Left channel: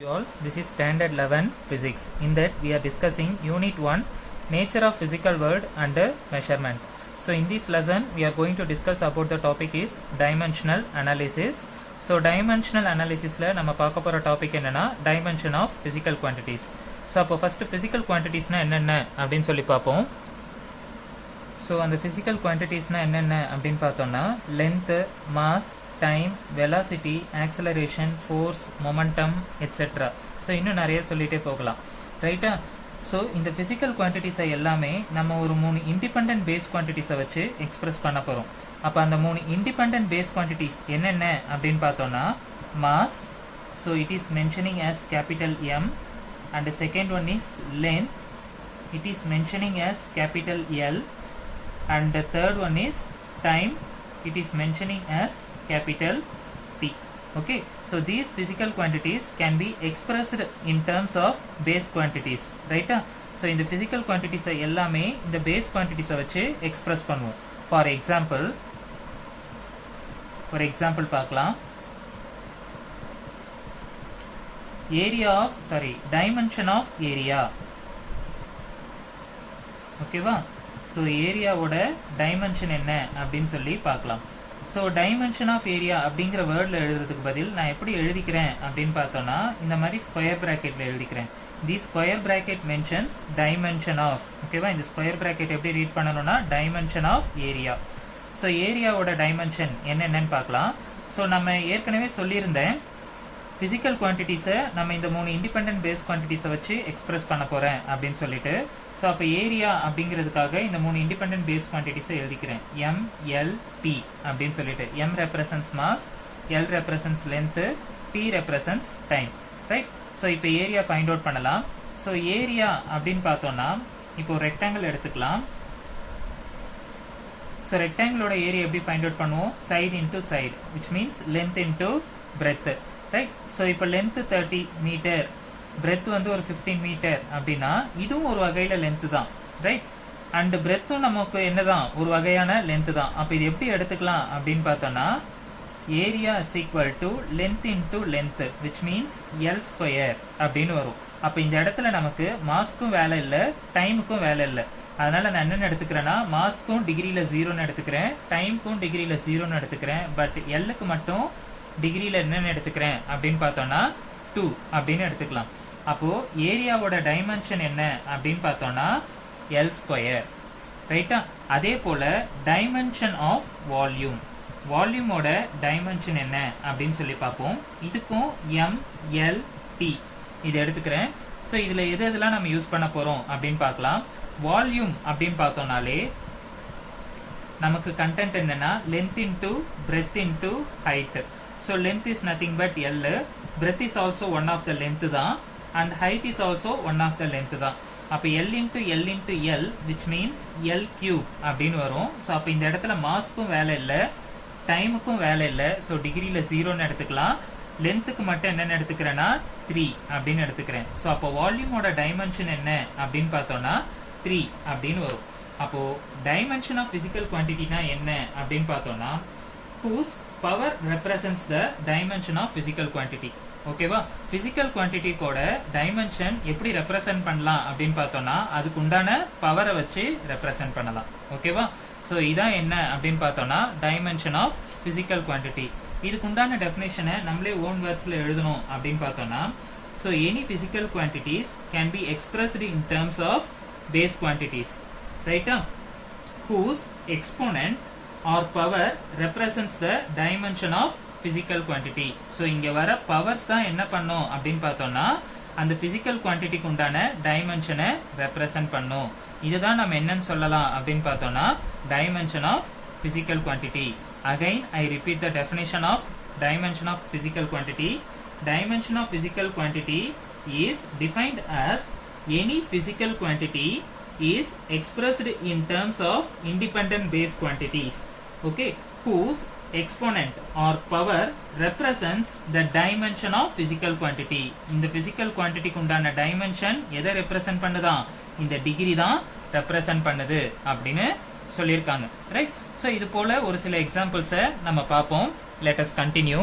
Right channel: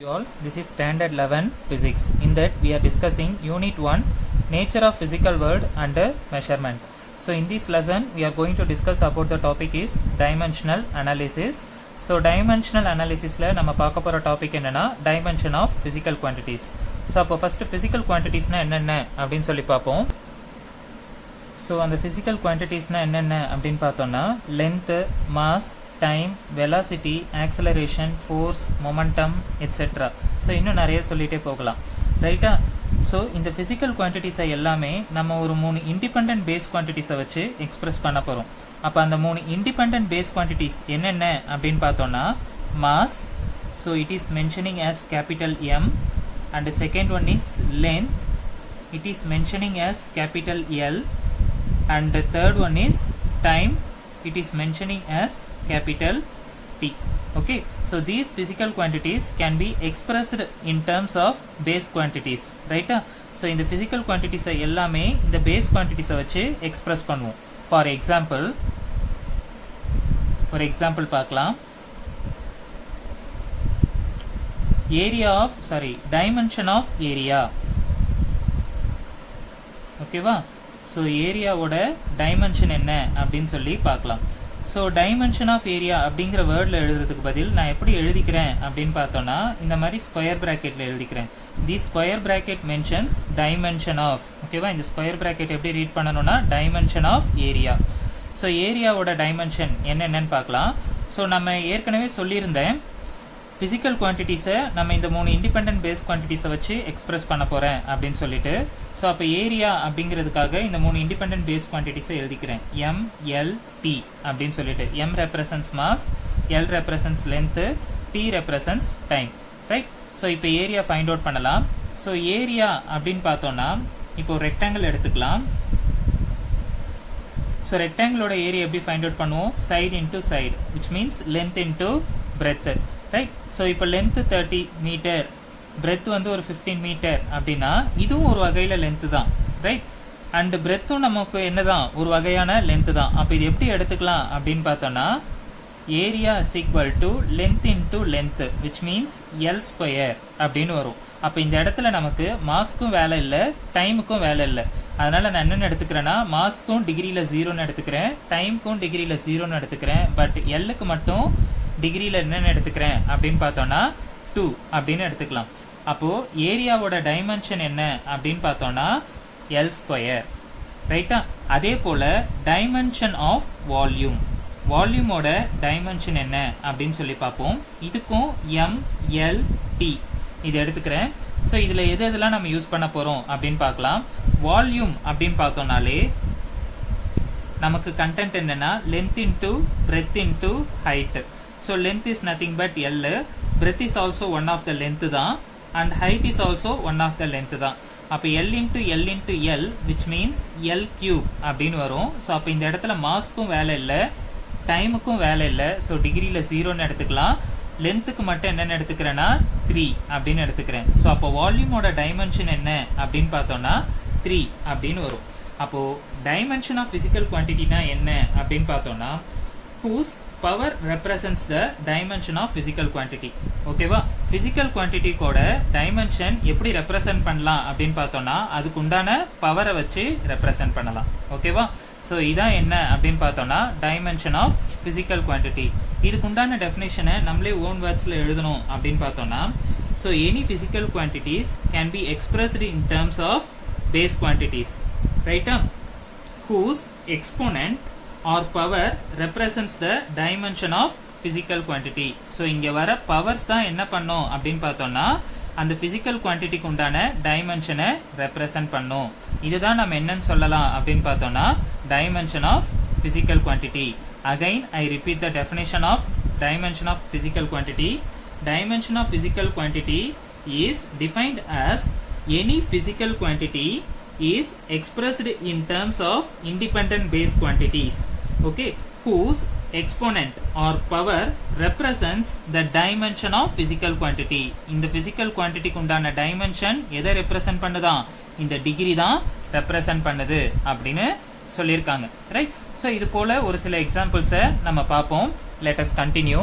You all, this is standard 11 physics. In that we are discussing unit 1 nature of physical world and measurement. So in this lesson we are going to discuss about the topic is dimensional analysis. So dimensional analysis la nama paaka pora topic enna dimension of physical quantities. So appo first physical quantities na enna appdin solli paapom. So and the physical quantities na enna appdin paathona length, mass, time, velocity, acceleration, force, momentum, etc. So இன்னும் நிறைய சொல்லிட்டே போகலாம் ரைட்டா. So இந்த physical குவான்டிட்டிஸை எல்லாமே நம்ம ஒரு 3 independent base குவான்டிட்டிஸை வச்சு எக்ஸ்பிரஸ் பண்ண போகிறோம். அப்போ அந்த 3 இண்டிபெண்ட் பேஸ் குவான்டிட்டிஸ் என்னென்ன அப்படின்னு பார்த்தோம்னா mass, so it is mentioning as capital M, and the second one is length, it is mentioning as capital L, and the third one is time, it is mentioning as capital T. Okay, so these physical quantities can be expressed in terms of base quantities, right? So in the physical quantities எல்லாமே இந்த base quantities வச்சு express பண்ணுவோம். For example பார்க்கலாம். dimension of area. ஓகேவா? So ஏரியாவோட dimension என்ன அப்படின்னு சொல்லி பார்க்கலாம். ஸோ டைமென்ஷன் ஆஃப் ஏரியா அப்படிங்கிற வேர்டில் எழுதுறதுக்கு பதில் நான் எப்படி எழுதிக்கிறேன் அப்படின்னு பார்த்தோன்னா இந்த மாதிரி ஸ்கொயர் ப்ராக்கெட்டில் எழுதிக்கிறேன். The square bracket mentions dimension of. ஓகேவா? இந்த ஸ்கொயர் ப்ராக்கெட் எப்படி ரீட் பண்ணணும்னா டைமென்ஷன் ஆஃப் ஏரியா. ஸோ ஏரியாவோட டைமென்ஷன் என்னென்னு பார்க்கலாம். ஸோ நம்ம ஏற்கனவே சொல்லியிருந்தேன் ஃபிசிக்கல் குவான்டிட்டிஸை நம்ம இந்த 3 இண்டிபெண்ட் பேஸ் குவான்டிட்டிஸை வச்சு எக்ஸ்பிரஸ் பண்ண போகிறேன் அப்படின்னு சொல்லிட்டு. ஸோ அப்போ ஏரியா அப்படிங்கிறதுக்காக இந்த 3 இண்டிபெண்ட் பேஸ் குவான்டிட்டிஸை எழுதிக்கிறேன். M, L, T அப்படின்னு சொல்லிட்டு. M represents mass, L represents length, T represents time, right? So இப்போ ஏரியா ஃபைண்ட் அவுட் பண்ணலாம். ஸோ ஏரியா அப்படின்னு பார்த்தோம்னா இப்போ ரெக்டாங்கிள் எடுத்துக்கலாம். ஸோ ரெக்டாங்கிளோட ஏரியா எப்படி ஃபைண்ட் அவுட் பண்ணுவோம்? Side into side, which means length into breadth, right? So இப்போ லென்த் 30 மீட்டர், பிரெத் வந்து ஒரு 15 மீட்டர் அப்படின்னா இதுவும் ஒரு வகையில லென்த் தான், ரைட்? அண்ட் பிரெத்தும் நமக்கு என்னதான் ஒரு வகையான லென்த் தான். அப்போ இது எப்படி எடுத்துக்கலாம் அப்படின்னு பார்த்தோம்னா area is equal to length into length, which means L square அப்படின்னு வரும். அப்போ இந்த இடத்துல நமக்கு மாஸ்க்கும் வேலை இல்லை, டைமுக்கும் வேலை இல்லை. அதனால நான் என்னென்னு எடுத்துக்கிறேன்னா மாஸ்க்கும் டிகிரியில 0ன்னு எடுத்துக்கிறேன், டைமுக்கும் டிகிரியில 0ன்னு எடுத்துக்கிறேன். பட் எல்லுக்கு மட்டும் டிகிரியில என்னென்னு எடுத்துக்கிறேன் அப்படின்னு பார்த்தோம்னா 2 அப்படின்னு எடுத்துக்கலாம். அப்போ ஏரியாவோட டைமென்ஷன் என்ன அப்படின்னு பார்த்தோம்னா எல் ஸ்கொயர், ரைட்டா? அதே போல டைமென்ஷன் ஆஃப் வால்யூம், வால்யூமோட டைமென்ஷன் என்ன அப்படின்னு சொல்லி பார்ப்போம். இதுக்கும் M, L, T இது எடுத்துக்கிறேன். ஸோ இதுல எது எதெல்லாம் நம்ம யூஸ் பண்ண போறோம் அப்படின்னு பார்க்கலாம். வால்யூம் அப்படின்னு பார்த்தோம்னாலே நமக்கு கண்டென்ட் என்னன்னா length into breadth into height. So length is nothing but L, breadth is also one of the length தான், and height is also one of the length தான். அப்போ L into L into L, which means L cube அப்படின்னு வரும். So அப்போ இந்த இடத்துல மாஸ்க்கும் வேலை இல்லை, டைமுக்கும் வேலை இல்லை. ஸோ டிகிரியில் 0ன்னு எடுத்துக்கலாம். லென்த்துக்கு மட்டும் என்னென்னு எடுத்துக்கிறேன்னா 3 அப்படின்னு எடுத்துக்கிறேன். ஸோ அப்போ வால்யூமோட டைமென்ஷன் என்ன அப்படின்னு பார்த்தோம்னா 3 அப்படின்னு வரும். அப்போ டைமென்ஷன் ஆஃப் பிசிக்கல் குவான்டிட்டினா என்ன அப்படின்னு பார்த்தோம்னா whose power represents the dimension of physical quantity. ஓகேவா? பிசிக்கல் குவான்டிட்டி கூட டைமென்ஷன் எப்படி ரெப்ரசன்ட் பண்ணலாம் அப்படின்னு பார்த்தோம்னா அதுக்கு உண்டான பவரை வச்சு ரெப்ரசன்ட் பண்ணலாம். ஓகேவா? ஸோ இதான் என்ன அப்படின்னு பார்த்தோம்னா டைமென்ஷன் ஆஃப் பிசிக்கல் குவான்டிட்டி. இதுக்கு உண்டான டெஃபினேஷனை நம்மளே ஓன் வேர்ட்ஸ்ல எழுதணும் அப்படின்னு பார்த்தோம்னா so any physical quantities can be expressed in terms of base quantities, ரைட்டா? whose exponent or power represents the dimension of physical quantity. So இங்க வர பவர்ஸ் தான் என்ன பண்ணும் அப்படின்னு பார்த்தோம்னா அந்த பிசிக்கல் குவான்டிட்டிக்கு உண்டான டைமென்ஷனை ரெப்ரசன்ட் பண்ணும். இதுதான் நம்ம என்னன்னு சொல்லலாம் அப்படின்னு பார்த்தோம்னா dimension of physical quantity. Again I repeat the definition of dimension of physical quantity. Dimension of physical quantity is defined as any physical quantity is expressed in terms of independent base quantities, okay, whose exponent or power represents the dimension of physical quantity. இந்த physical quantity குண்டான dimension எதை represent பண்ணுதா? இந்த degree தான் represent பண்ணுது அப்படின்னு சொல்லியிருக்காங்க, right? So இது போல ஒரு சில எக்ஸாம்பிள்ஸை நம்ம பார்ப்போம். let us continue.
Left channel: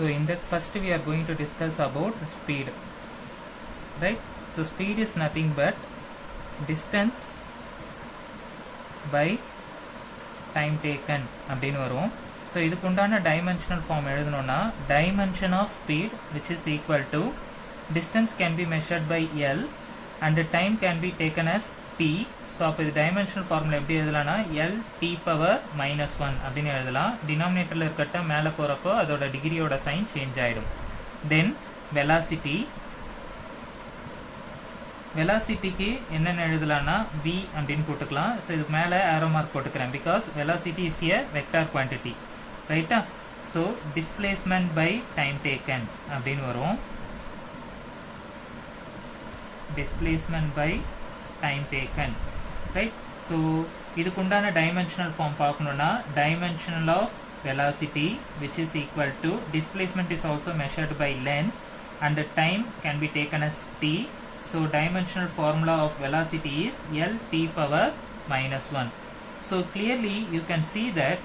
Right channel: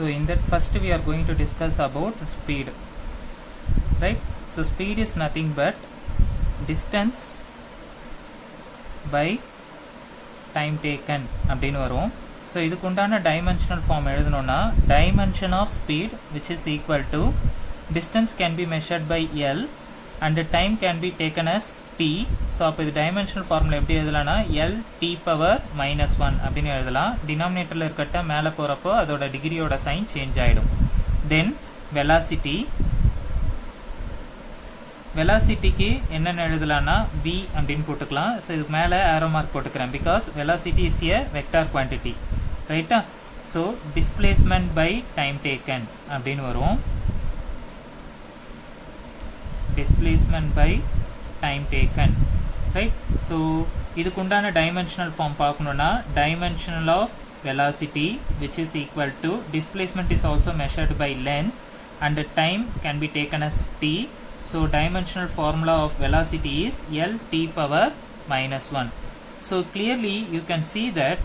So in that first we are going to discuss about speed, right? So speed is nothing but distance by time taken அப்படின்னு வரும். ஸோ இதுக்கு உண்டான டைமென்ஷனல் ஃபார்ம் எழுதணும்னா dimension of speed which is equal to distance can be measured by L and time can be taken as T. So அப்போ இது dimensional formula எப்படி எழுதலாம்னா L T power -1 அப்படின்னு எழுதலாம். டினாமினேட்டரில் இருக்கட்ட மேலே போகிறப்போ அதோட டிகிரியோட சைன் சேஞ்ச் ஆகிடும். தென் வெலாசிட்டி, வெலாசிட்டிக்கு என்னென்ன எழுதலாம்னா v அப்படின்னு போட்டுக்கலாம். ஸோ இதுக்கு மேலே ஆரோ மார்க் போட்டுக்கிறேன் because velocity is a vector quantity, ரைட்டா? So displacement by time taken அப்படின்னு வரும். Displacement by time taken, right? So இதுக்கு உண்டான டைமென்ஷனல் ஃபார்ம் பார்க்கணும்னா dimensional of velocity which is equal to displacement is also measured by length and the time can be taken as t. So dimensional formula of velocity is L t power -1. So clearly you can see that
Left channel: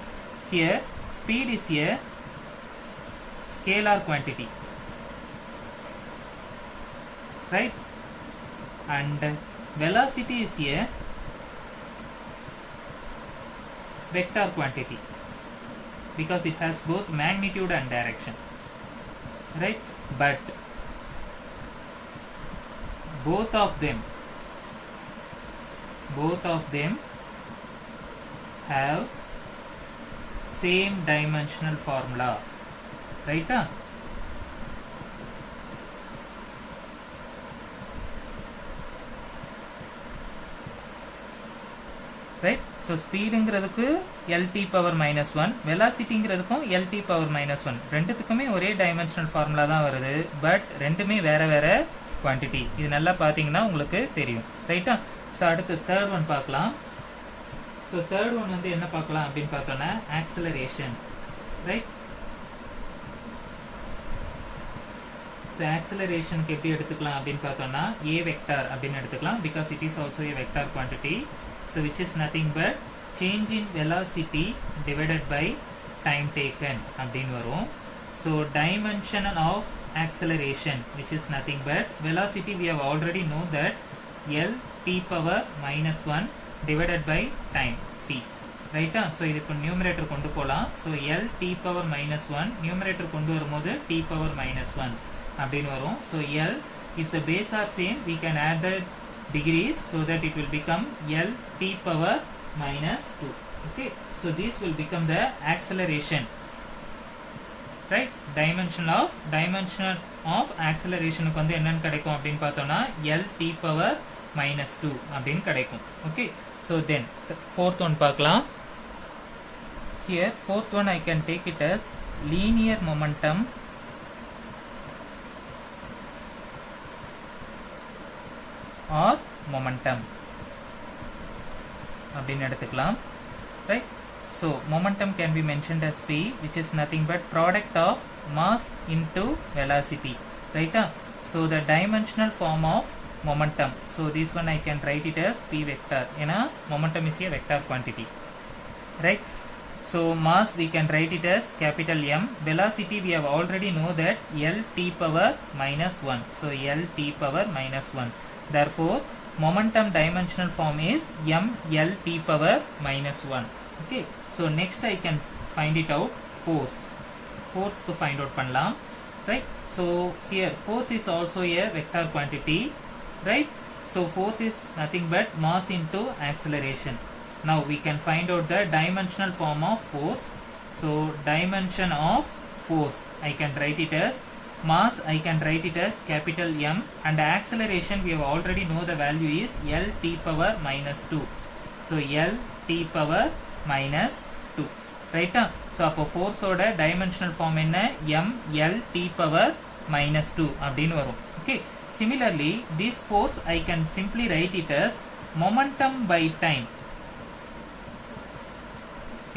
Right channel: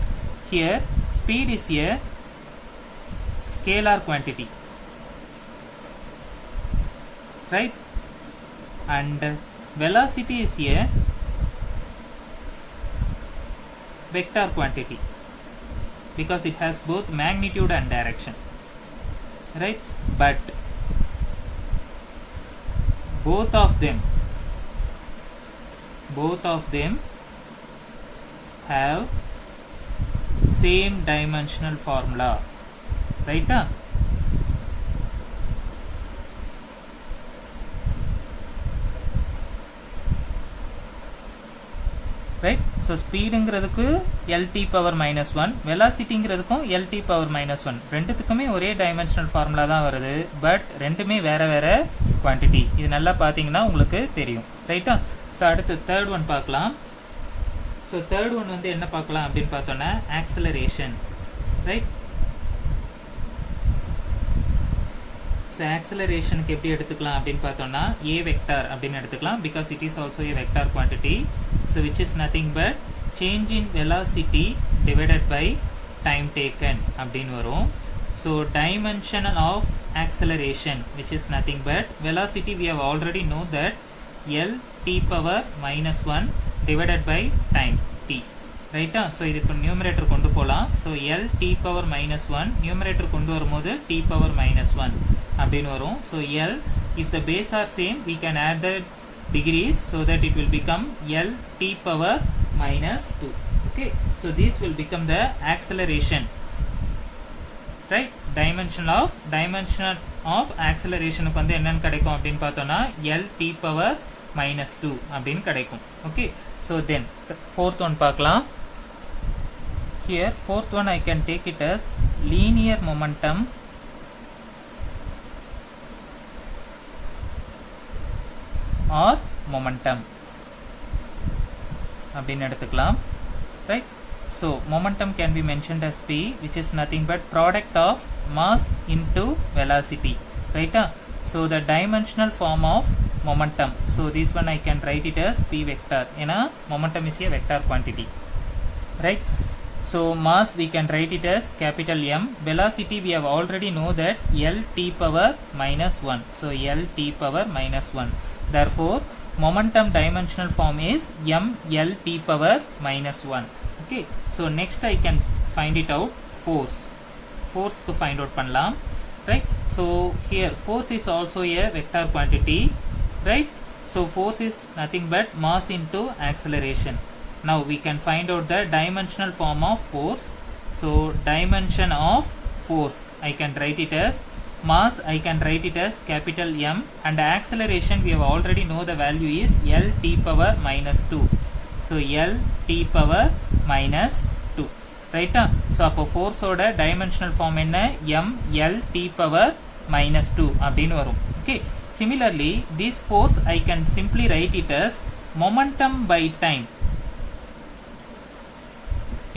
here speed is a scalar quantity, right? And velocity is a vector quantity because it has both magnitude and direction, right? But both of them have same dimensional formula, right? Right? So ஸ்பீடுங்கிறதுக்கு lt power -1, வெலாசிட்டிங்கிறதுக்கும் lt power -1, ரெண்டுத்துக்குமே ஒரே dimensional formula தான் வருது. But ரெண்டுமே வேற வேற quantity. இது நல்லா பார்த்தீங்கன்னா உங்களுக்கு தெரியும், ரைட்டா? ஸோ அடுத்து தேர்ட் ஒன் பார்க்கலாம். ஸோ தேர்ட் ஒன் வந்து என்ன பார்க்கலாம் அப்படின்னு பார்த்தோன்னா ஆக்சலரேஷன், ரைட்? ஸோ ஆக்சலரேஷனுக்கு எப்படி எடுத்துக்கலாம் அப்படின்னு பார்த்தோம்னா a வெக்டார் அப்படின்னு எடுத்துக்கலாம் because it is also a vector quantity. So which is nothing but change in velocity divided by time taken அப்படின்னு வரும். So dimension of acceleration which is nothing but velocity we have already know that L t power -1 divided by time t, ரைட்டா? So இது இப்போ numerator கொண்டு போகலாம். So L t power -1 numerator கொண்டு வரும்போது t power -1 அப்படின்னு வரும். So L if the base are same we can add the degrees so that it will become L t power -2. Okay, so this will become the acceleration, right? dimension of acceleration க்கு வந்து என்னன்னு கிடைக்கும் அப்படின்னு பார்த்தோம்னா L t power -2 அப்படின்னு கிடைக்கும். Okay, so then fourth one பார்க்கலாம். Here fourth one I can take it as linear momentum or momentum அப்படின்னு எடுத்துக்கலாம், right? So momentum can be mentioned as p which is nothing but product of mass into velocity, right? So the dimensional form of momentum, so this one I can write it as p vector. ஏன்னா momentum is a vector quantity, right? So mass we can write it as capital M. Velocity we have already know that L t power -1. So L t power -1. Therefore momentum dimensional form is m L t power -1. Okay, so next I can find it out force. Force to find out பண்ணலாம், right? So here force is also a vector quantity, right? So force is nothing but mass into acceleration. Now we can find out the dimensional form of force. So dimension of force I can write it as mass, I can write it as capital M, and acceleration we have already know the value is L t power -2. So L t power -2, right? So அப்போ force ஓட dimensional form என்ன? M L t power -2 அப்படின்னு வரும். Okay, similarly this force I can simply write it as momentum by time.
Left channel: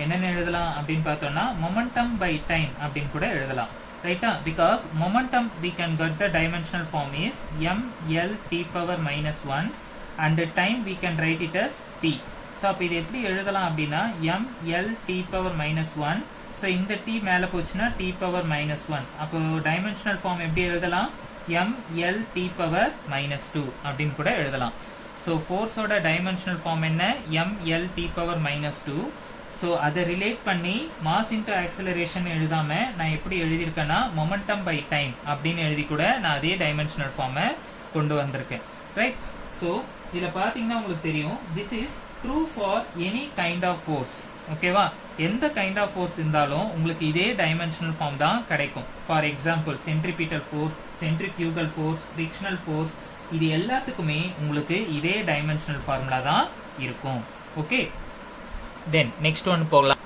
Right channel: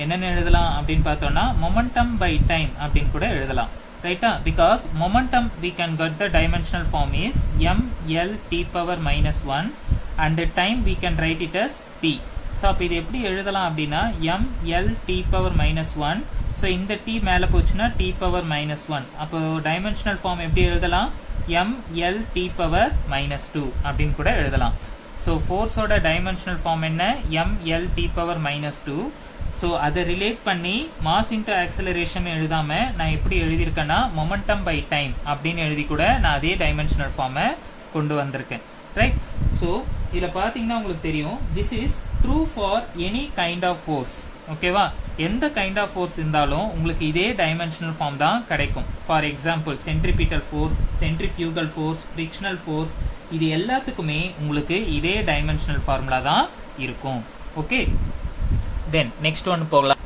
என்னென்ன எழுதலாம் அப்படின்னு பார்த்தோம்னா momentum by time அப்படின்னு கூட எழுதலாம், ரைட்டா? because momentum we can get the dimensional form is m L t power -1 and the time we can write it as t. So அப்போ இது எப்படி எழுதலாம் அப்படின்னா ml t power minus one. So இந்த t மேலே போச்சுன்னா t பவர் மைனஸ் ஒன். அப்போ dimensional form எப்படி எழுதலாம்? ml t power minus two அப்படின்னு கூட எழுதலாம். ஸோ ஃபோர்ஸோட டைமென்ஷனல் ஃபார்ம் என்ன? ml t power minus two. So அதை ரிலேட் பண்ணி மாஸ் இன்டு ஆக்சலரேஷன் எழுதாம நான் எப்படி எழுதியிருக்கேன்னா மொமெண்டம் பை டைம் அப்படின்னு எழுதி கூட நான் அதே டைமென்ஷனல் ஃபார்மை கொண்டு வந்திருக்கேன். ரைட். ஸோ இதில் பார்த்தீங்கன்னா உங்களுக்கு தெரியும், this is true for any kind of force. ஓகேவா? எந்த கைண்ட் ஆஃப் ஃபோர்ஸ் இருந்தாலும் உங்களுக்கு இதே டைமென்ஷனல் ஃபார்ம் தான் கிடைக்கும். For example centripetal force, centrifugal force, frictional force, இது எல்லாத்துக்குமே உங்களுக்கு இதே டைமென்ஷனல் ஃபார்முலா தான் இருக்கும். ஓகே, தென் நெக்ஸ்ட் ஒன் போகலாம்.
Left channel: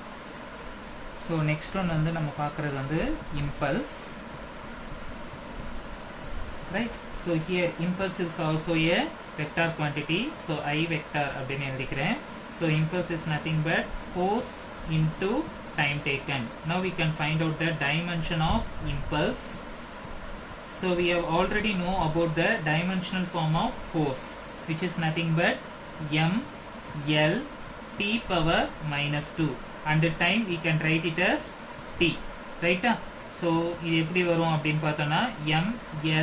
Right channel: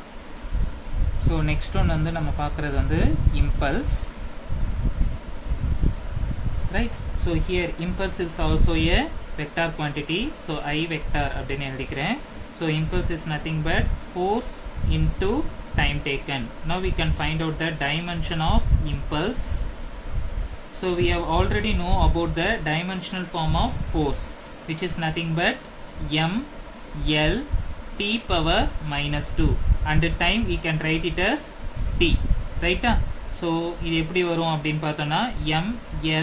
ஸோ நெக்ஸ்ட் ஒன் வந்து நம்ம பார்க்கறது வந்து impulse. Right. So here impulse is also A vector quantity. So I vector அப்படின்னு எழுதிக்கிறேன். So impulse is nothing but force into time taken. Now we can find out the dimension of impulse. So we have already know about the dimensional form of force, which is nothing but m l t power minus 2, and the time we can write it as t. Right? So இது எப்படி வரும் அப்படின்னு பார்த்தோம்னா m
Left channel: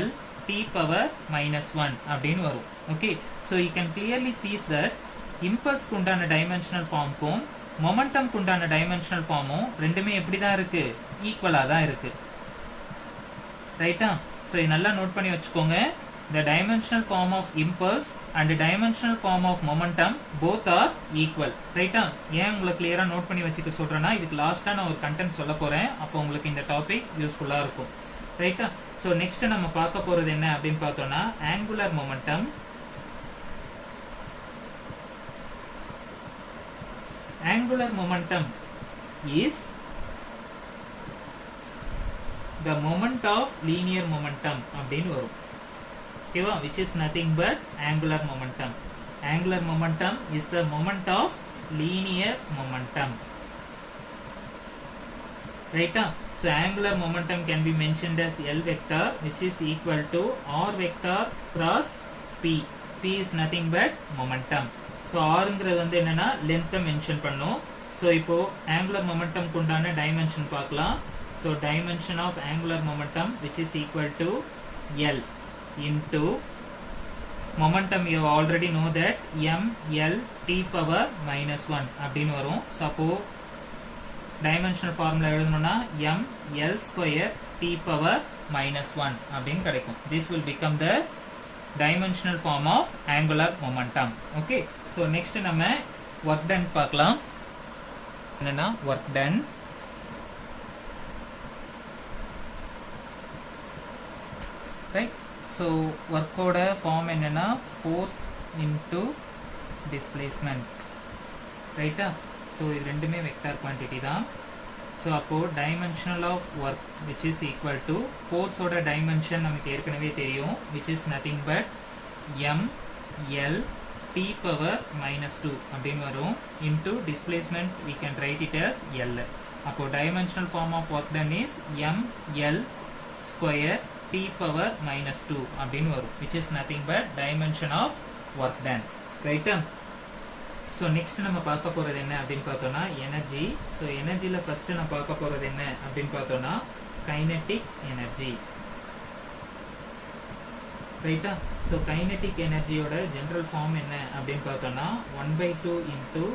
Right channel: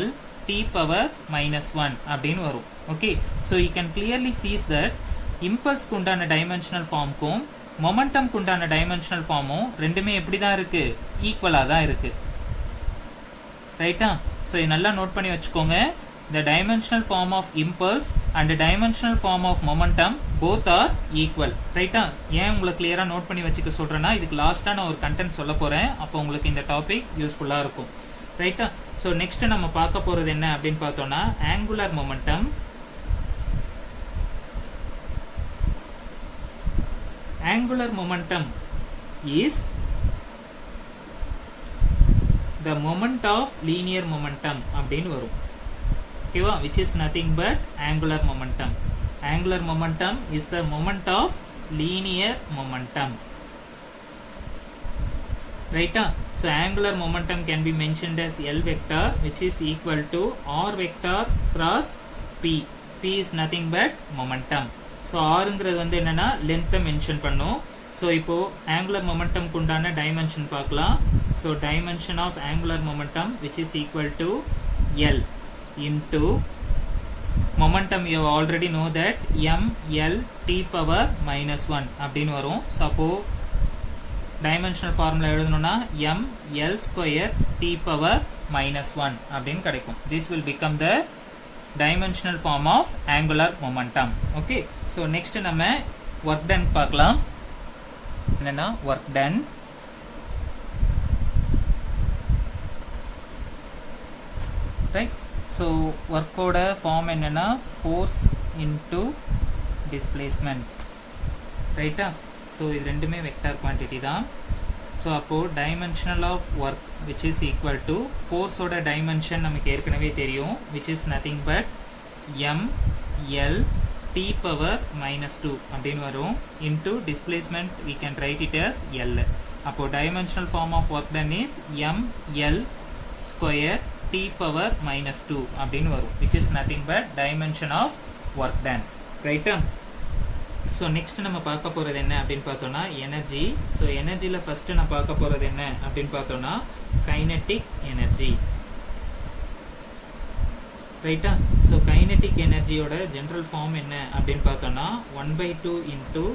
l t power minus 1 அப்படின்னு வரும். Okay, so you can clearly see that impulse குண்டான dimensional formக்கும் momentum குண்டான dimensional formும் ரெண்டுமே எப்படி தான் இருக்கு? ஈக்குவலா தான் இருக்கு. ரைட்டா? ஸோ இது நல்லா நோட் பண்ணி வச்சுக்கோங்க. The dimensional form of impulse and the dimensional form of momentum both are equal. ரைட்டா? ஏன் உங்களுக்கு கிளியரா நோட் பண்ணி வச்சுக்க சொல்றேன்னா, இதுக்கு லாஸ்டா நான் ஒரு கண்டென்ட் சொல்ல போறேன். அப்போ உங்களுக்கு இந்த டாபிக் யூஸ்ஃபுல்லா இருக்கும். ரைட்டா? ஸோ நெக்ஸ்ட் நம்ம பார்க்க போறது என்ன அப்படின்னு பார்த்தோம்னா angular momentum. Angular momentum is the moment of linear momentum அப்படின்னு வரும். ஓகேவா? which is nothing but angular momentum. Angular momentum is the moment of linear momentum. Right? So angular momentum can be mentioned as L vector, which is equal to R vector cross P. P is nothing but momentum. So ஆறுங்கிறது வந்து என்னன்னா லென்த்தை mention பண்ணும். So இப்போ angular momentum உண்டான dimension பார்க்கலாம். So dimension of angular momentum which is equal to L into momentum. You already know that M L T power minus one அப்படின்னு வரும். ஸோ அப்போ டைமென்ஷனல் ஃபார்முலா எழுதணும்னா M L square T power minus one அப்படின்னு கிடைக்கும். This will become the dimensional form of angular momentum. Okay, so next நம்ம work done பார்க்கலாம். என்னன்னா work done. Right? So work ஓட form என்னன்னா force into displacement. Right? So இது ரெண்டுமே vector quantity தான். So அப்போ dimensional of work which is equal to force ஓட dimension நமக்கு ஏற்கனவே தெரியும், which is nothing but m l t power minus 2 அப்படின்னு வரும் into displacement we can write it as l. அப்போ dimensional form of work done is m l square t power minus 2 அப்படின்னு வரும், which is nothing but dimension of work done. Right? So next நம்ம பார்க்க போறது என்ன அப்படின்னு பார்த்தோம்னா energy. So எனர்ஜியில first நான் பார்க்க போறது என்ன அப்படின்னு பார்த்தோம்னா கைனெட்டிக் எனர்ஜி. ரைட்டா? ஸோ கைனெட்டிக் எனர்ஜியோட ஜெனரல் ஃபார்ம் என்ன அப்படின்னு பார்த்தோம்னா 1/2 இன்டூ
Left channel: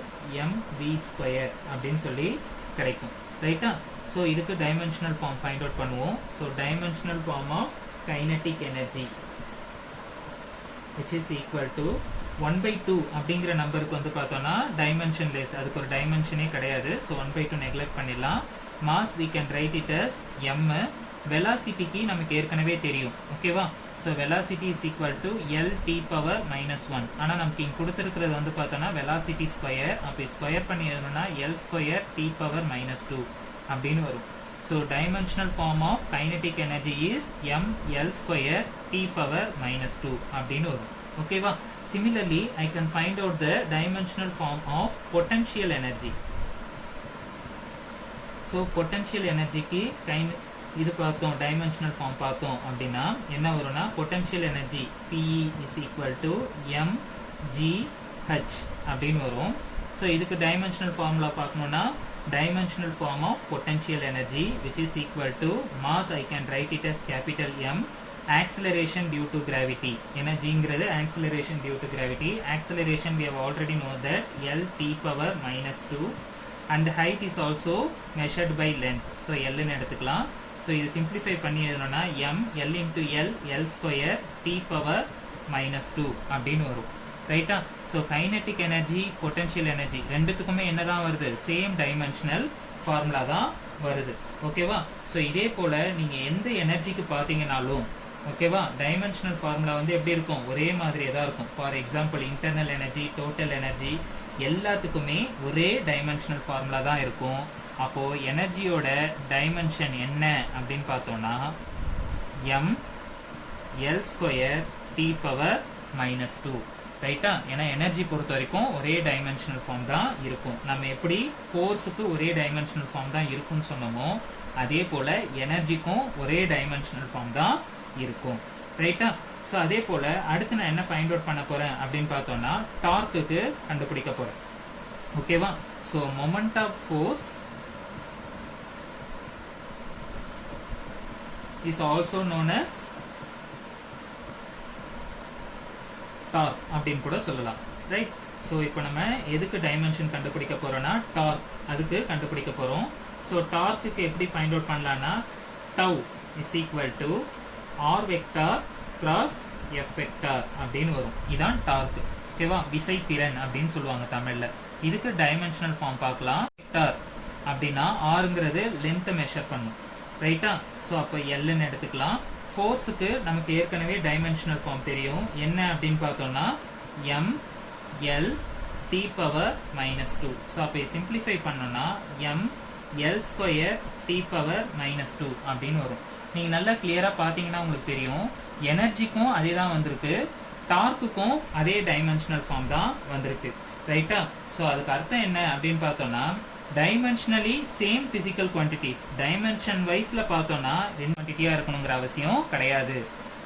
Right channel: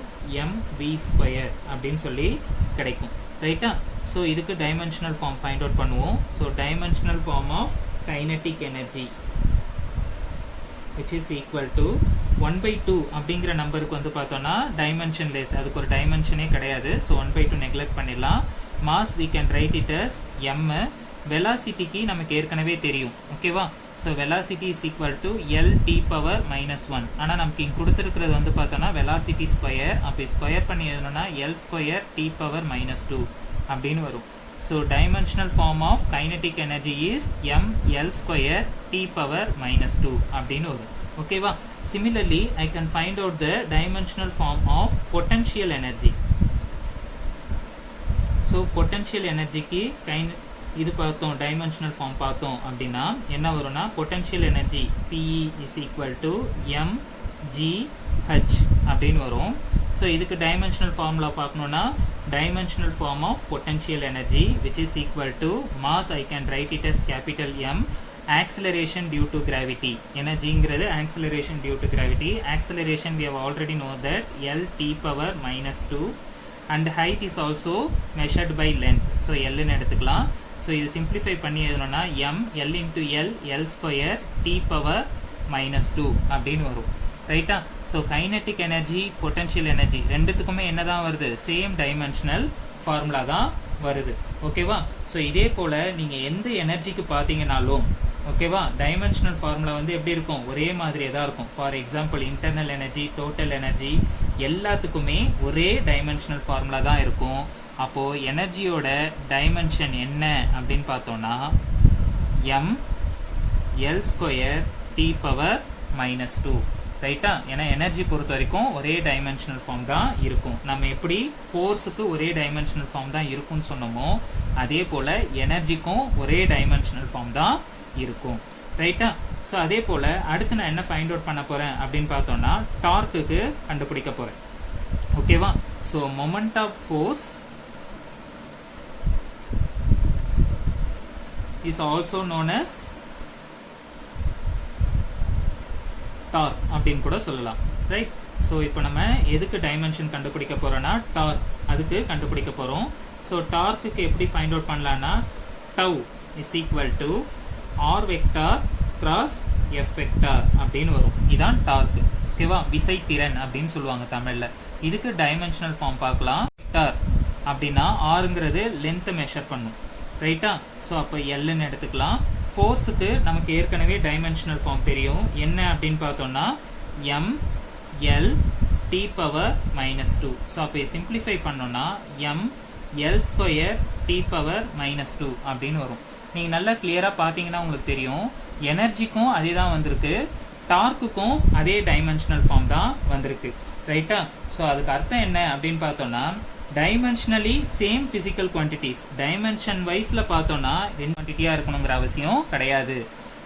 mv ஸ்கொயர் அப்படின்னு சொல்லி கிடைக்கும். ரைட்டா? ஸோ இதுக்கு டைமென்ஷனல் ஃபார்ம் ஃபைண்ட் அவுட் பண்ணுவோம். So dimensional form of kinetic energy which is equal to 1/2 அப்படிங்கிற நம்பருக்கு வந்து பார்த்தோம்னா டைமென்ஷன் லெஸ், அதுக்கு ஒரு டைமென்ஷனே கிடையாது. ஸோ 1/2 நெக்லெக்ட் பண்ணிடலாம். Mass we can write it as m. வெலாசிட்டிக்கு நமக்கு ஏற்கனவே தெரியும். ஓகேவா? So velocity is equal to L T power minus one. ஆனால் நமக்கு இங்கே கொடுத்துருக்கிறது வந்து பார்த்தோம்னா வெலாசிட்டி ஸ்கொயர். அப்படி ஸ்கொயர் பண்ணி எழுதணும்னா L square T power minus 2 அப்படின்னு வரும். So dimensional form of kinetic energy is m l square t power minus 2 அப்படின்னு வரும். ஓகேவா? Similarly, I can find out the dimensional form of potential energy. So potential energy க்கு இது பார்த்தோம், dimensional form பார்த்தோம் அப்படின்னா என்ன வரும்னா potential energy PE is equal to m g h அப்படின்னு வரும். ஸோ இதுக்கு டைமென்ஷனல் ஃபார்முலா பார்க்கணும்னா dimensional form of potential energy which is equal to mass, I can write it as capital M, acceleration due to gravity. Energy-ங்கிறது acceleration due to gravity. Acceleration we have already know that L t power minus 2 and height is also measured by length. So L ன்னு எடுத்துக்கலாம். So இது simplify பண்ணி எழுதணும்னா M L into L L square t power minus 2 அப்படின்னு வரும். ரைட்டா? So kinetic energy potential energy ரெண்டுத்துக்குமே என்னதான் வருது? சேம் டைமென்ஷனல் ஃபார்முலா தான் வருது. ஓகேவா? ஸோ இதே போல நீங்க எந்த எனர்ஜிக்கு பாத்தீங்கன்னாலும் ஓகேவா டைமென்ஷனல் ஃபார்முலா வந்து எப்படி இருக்கும்? ஒரே மாதிரியே தான் இருக்கும். For example internal energy, total energy எல்லாத்துக்குமே ஒரே டைமென்ஷனல் ஃபார்முலா தான் இருக்கும். அப்போ எனர்ஜியோட டைமென்ஷன் என்ன அப்படின்னு பார்த்தோம்னா m l square t power minus 2. ரைட்டா? ஏன்னா எனர்ஜி பொறுத்த வரைக்கும் ஒரே டைமென்ஷனல் ஃபார்ம் தான் இருக்கும். நம்ம எப்படி ஃபோர்ஸுக்கு ஒரே டைமென்ஷனல் ஃபார்ம் தான் இருக்கும்னு சொன்னோமோ அதே போல எனர்ஜிக்கும் ஒரே டைமென்ஷனல் ஃபார்ம் தான் இருக்கும். ரைட்டா? ஸோ அதே போல அடுத்து நான் என்ன ஃபைண்ட் அவுட் பண்ண போறேன் அப்படின்னு பார்த்தோம்னா டார்க்குக்கு கண்டுபிடிக்க போறேன். ஓகேவா? So moment of force is also known as torque அப்படின்னு கூட சொல்லலாம். ரைட்? ஸோ இப்போ நம்ம எதுக்கு டைமென்ஷன் கண்டுபிடிக்க போறோம்னா டார்க், அதுக்கு கண்டுபிடிக்க போறோம். ஸோ டார்க்குக்கு எப்படி ஃபைண்ட் அவுட் பண்ணலாம்னா tau is equal to r vector cross F vector அப்படின்னு வரும். இதான் டார்க். ஓகேவா? விசை திறன் அப்படின்னு சொல்லுவாங்க தமிழ்ல. இதுக்கு டைமென்ஷனல் ஃபார்ம் பார்க்கலாம். வெக்டார் அப்படின்னா ஆர்ங்கிறது லென்த் மெஷர் பண்ணும். ரைட்டா? ஸோ அப்போ எல்ன்னு எடுத்துக்கலாம். ஃபோர்ஸுக்கு நமக்கு ஏற்கனவே டைமென்ஷனல் ஃபார்ம் தெரியும். என்ன அப்படின்னு பார்த்தோம்னா m l t power minus 2. So அப்போ சிம்பிளிஃபை பண்ணோம்னா m l square t power minus 2 அப்படின்னு வரும். நீங்க நல்லா கிளியரா பாத்தீங்கன்னா உங்களுக்கு தெரியும் எனர்ஜிக்கும் அதே தான் வந்திருக்கு, டார்க்குக்கும் அதே டைமென்ஷனல் ஃபார்ம் தான் வந்திருக்கு. ரைட்டா? ஸோ அதுக்கு அர்த்தம் என்ன அப்படின்னு பார்த்தோம்னா dimensionally same physical quantities. Dimension வைஸ்ல பார்த்தோம்னா ரெண்டு குவான்டிட்டியா இருக்கணுங்கிற அவசியம் கிடையாது.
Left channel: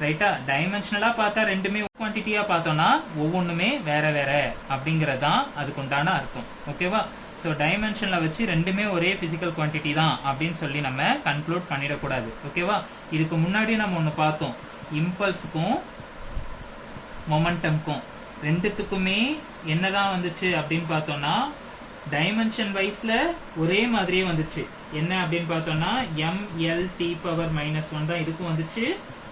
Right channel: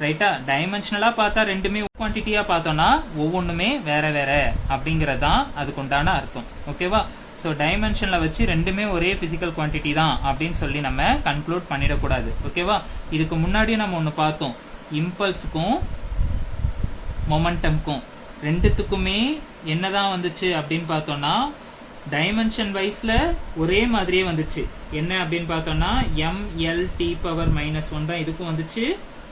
ரைட்டா? டைமென்ஷனலா பார்த்தா ரெண்டுமே குவான்டிட்டியா பார்த்தோம்னா ஒவ்வொன்றுமே வேற வேற அப்படிங்கறதான் அதுக்கு உண்டான அர்த்தம். ஓகேவா? ஸோ டைமென்ஷன்ல வச்சு ரெண்டுமே ஒரே பிசிக்கல் குவான்டிட்டி தான் அப்படின்னு சொல்லி நம்ம கன்க்ளூட் பண்ணிடக்கூடாது. ஓகேவா? இதுக்கு முன்னாடி நம்ம ஒன்னு பார்த்தோம், இம்பல்ஸுக்கும் மொமெண்டம்க்கும் ரெண்டுத்துக்குமே என்னதான் வந்துச்சு அப்படின்னு பார்த்தோம்னா டைமென்ஷன் வைஸ்ல ஒரே மாதிரியே வந்துச்சு. என்ன அப்படின்னு பார்த்தோம்னா m l t power minus 1 தான் இதுக்கும் வந்துச்சு,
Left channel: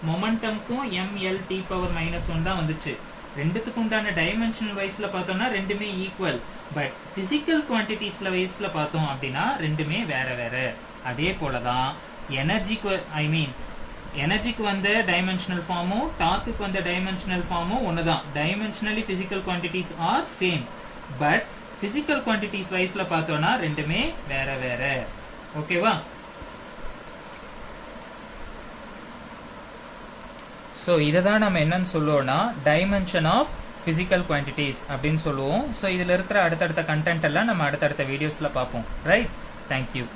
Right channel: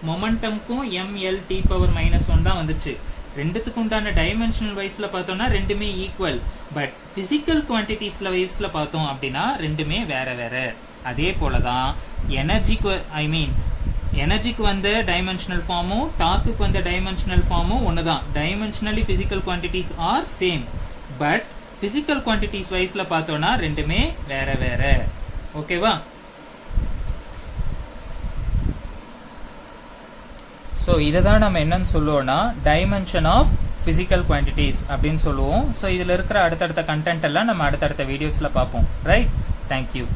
மொமெண்டம்க்கும் m l t power minus 1 தான் வந்துச்சு. ரெண்டுத்துக்கு உண்டான டைமென்ஷனல் வைஸ்ல பார்த்தோம்னா ரெண்டுமே ஈக்குவல். பட் பிசிக்கல் குவான்டிட்டிஸ்ல வைஸ்ல பார்த்தோம் அப்படின்னா ரெண்டுமே வேற வேற. அதே போலதான் எனர்ஜிக்கு எனர்ஜிக்கு வந்த டைமென்ஷனல் ஃபார்மும் டார்க்குக்கு வந்த டைமென்ஷனல் ஃபார்மும் ஒண்ணுதான். Dimensionally physical quantities are same, but physical quantities வைஸ்ல பார்த்தோம்னா ரெண்டுமே வேற வேற. ஓகேவா? ஸோ இதை தான் நம்ம என்னன்னு சொல்லுவோம்னா டைமென்ஷன் ஆஃப் பிசிக்கல் குவான்டிட்டிஸ் அப்படின்னு சொல்லுவோம். ஸோ இதுல இருக்கிற அடுத்தடுத்த கண்டென்ட் எல்லாம் நம்ம அடுத்தடுத்த வீடியோஸ்ல பார்ப்போம். ரைட்? தேங்க்யூ.